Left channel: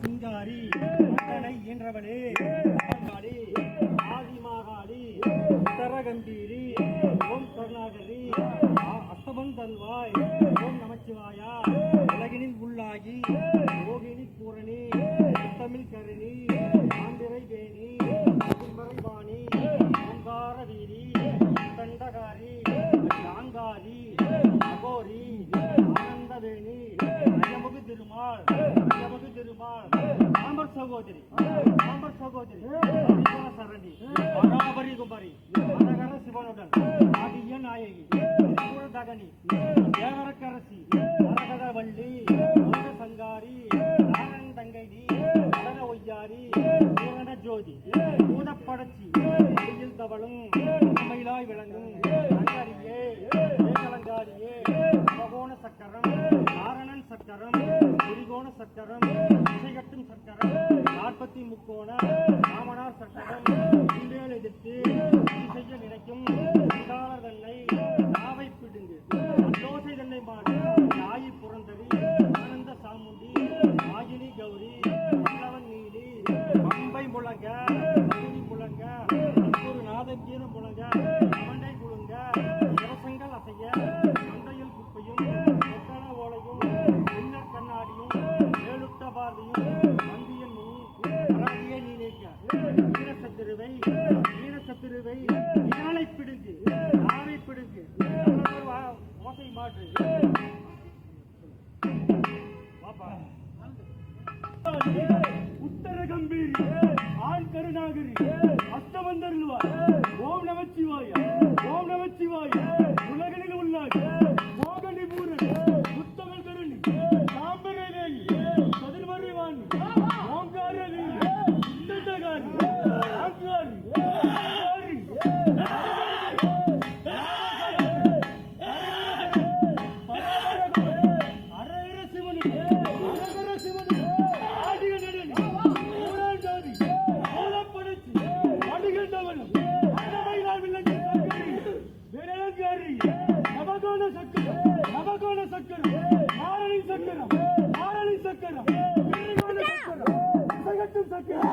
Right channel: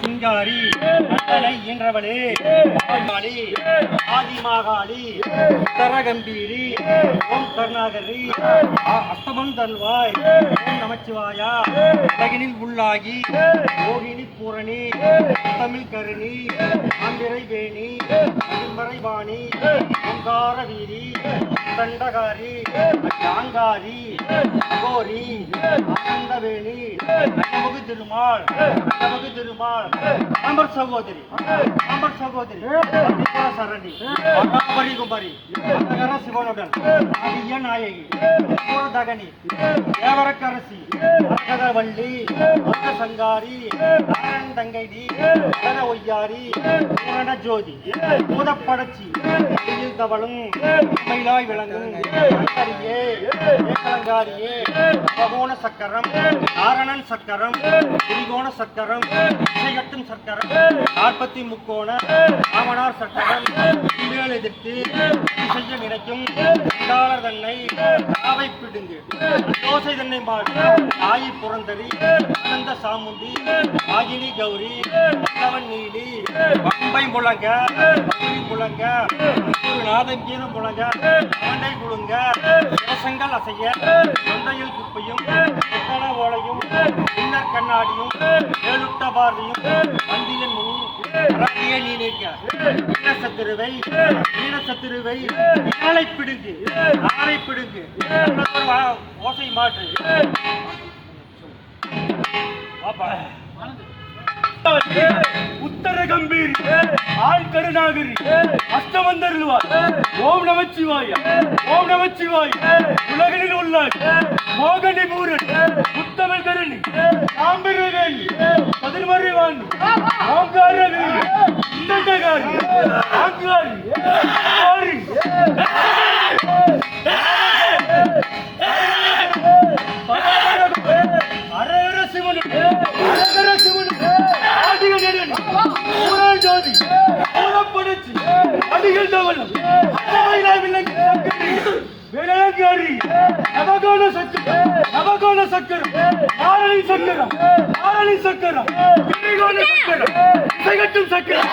சிங்காரி அண்ணனை ஈன்றவளே ஆதி ஆதிமாகாளி உத்தரகம்பீரி ஓம் கருணாகரி அஷ்டமம் தல்வாய் ஓம் நமச்சிவாயா உலகினில் உள்ளாகி யோகினி பூரணி தமிழ் கருணி ஆந்திரை வேணி திருமறை வாணி ஓங்கார வீரி தண்டகாரி யாங்காரி கோரி ஆனந்தவேணி நமக்கு திருமால் நமக்கு திருமால் அமர் சகோதரி சரணி பரி குமாரி சிவனுடன் அதிய நாயகி தகனி தேவரக்கரசி வள்ளி சங்காரி தங்கைடி ஒய்யாரி ஜோதி பூதப்படச்சி தவளும் மயிலாய் விளங்கும் ஏகலங்காரியே பகோண சக்கரம் நாரணன் சக்கரம் திரிகோண சக்கரம் இசையட்டும் சக்கரம் 40 முக்கோண ராமனார் சக்கரம் மேல் எதிர்த்து செய்ய நினைக்கும் தன்னை நாவை பிடுங்கு தோசை தன்னை மாடி நாயி புறந்தறி அனந்த சாமுண்டி ஆகினி கௌரி பல்லவன் நீலி பம்பை முழங்க முழங்க நாதம் கீதம் முழங்க மண்டை குழுங்க இலசங்கள் அசைய தொண்டையில் குப்பையும் ஓலையும் பின்னர் கண்ணாடியும் ஏழுட்ட பார்வையும் வந்தியின் முன் நீ நிற்க சத்துருவை இணை பிடுங்கு ஆரை பிடுங்கு ஓசை மாற்று உத்தர கம்பீரி ஆள் கருணாகரி அஷ்டமந்தருள்வார் ஓம் நமச்சிவாய உலகில் உள்ள மோகனி பூரன் உத்தமன் கருணி சாம்பிரவேணி பதிர்மறை வாணி ஓங்கார வீரி இந்தண்டகாரி ஆங்காரி அரகர சிவன் ஜோதி படைச்சு அடிகள் தவளும் வேளாங்காரி நவகோண சக்கரம் ஆரணி சக்கரம் சக்கரம் சக்கரம்